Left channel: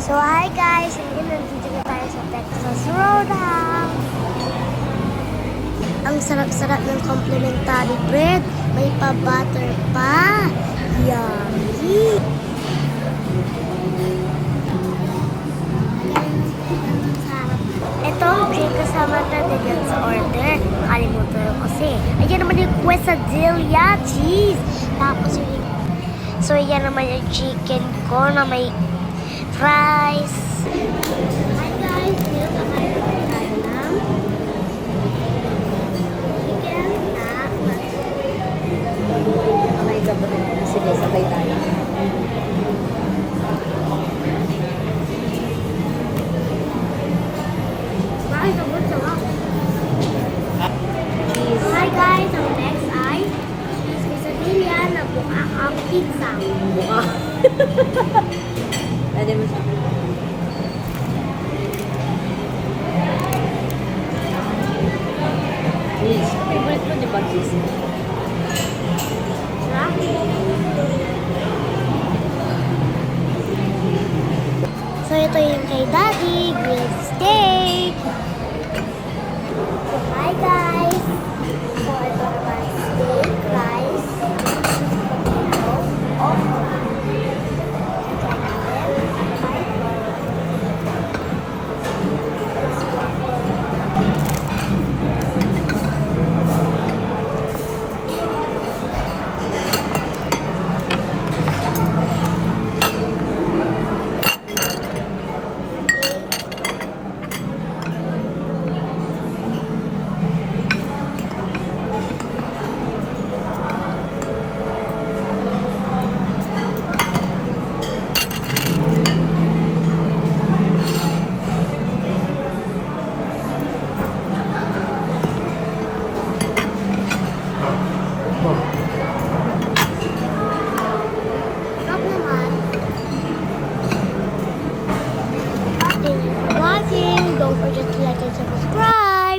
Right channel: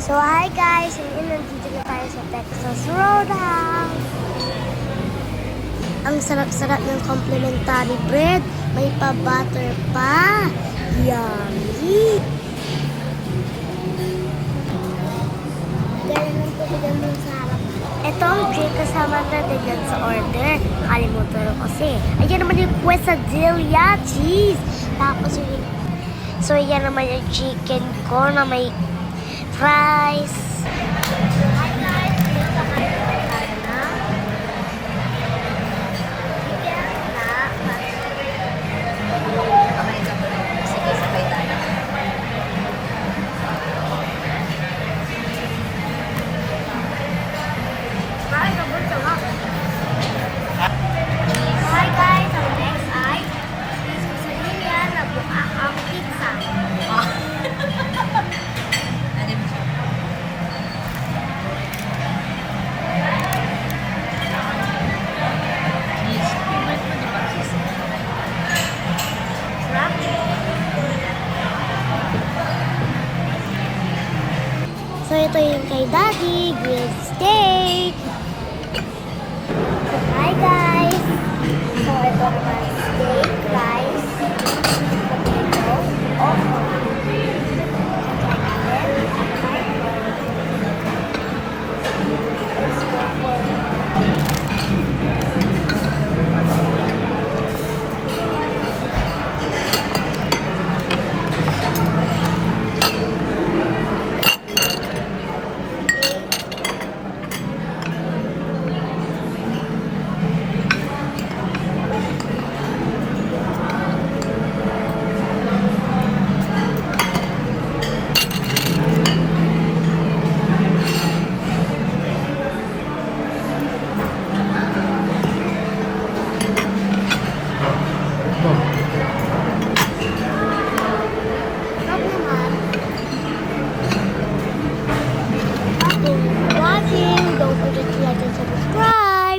So, hi guys! Ngayon nandito na tayo sa Texas Roadhouse. Ang sarap-sarap ng complimentary bread. May pa-butter pa. Yummy! Ganun sarap. Itong drink kasama natin yan sa order. Kalimutan ko kasi. Ayan naman yung quesadilla cheese. Tapos yung... So, yan naman yung chicken ko na may fries. Hi guys, dito kakain naman tayo ng chicken na Kamay ka ba? Sige, sabay tayo. fries. Sobrang sarap. Hi guys, ang next ay quesadilla na buka ang pizza. Buka. Pwede mo siya. Cheese. Favorite mo, di ba, cheese? So, ito yung kay Daddy, grilled steak. Hi guys! Thank you for watching. Don't forget to like and subscribe.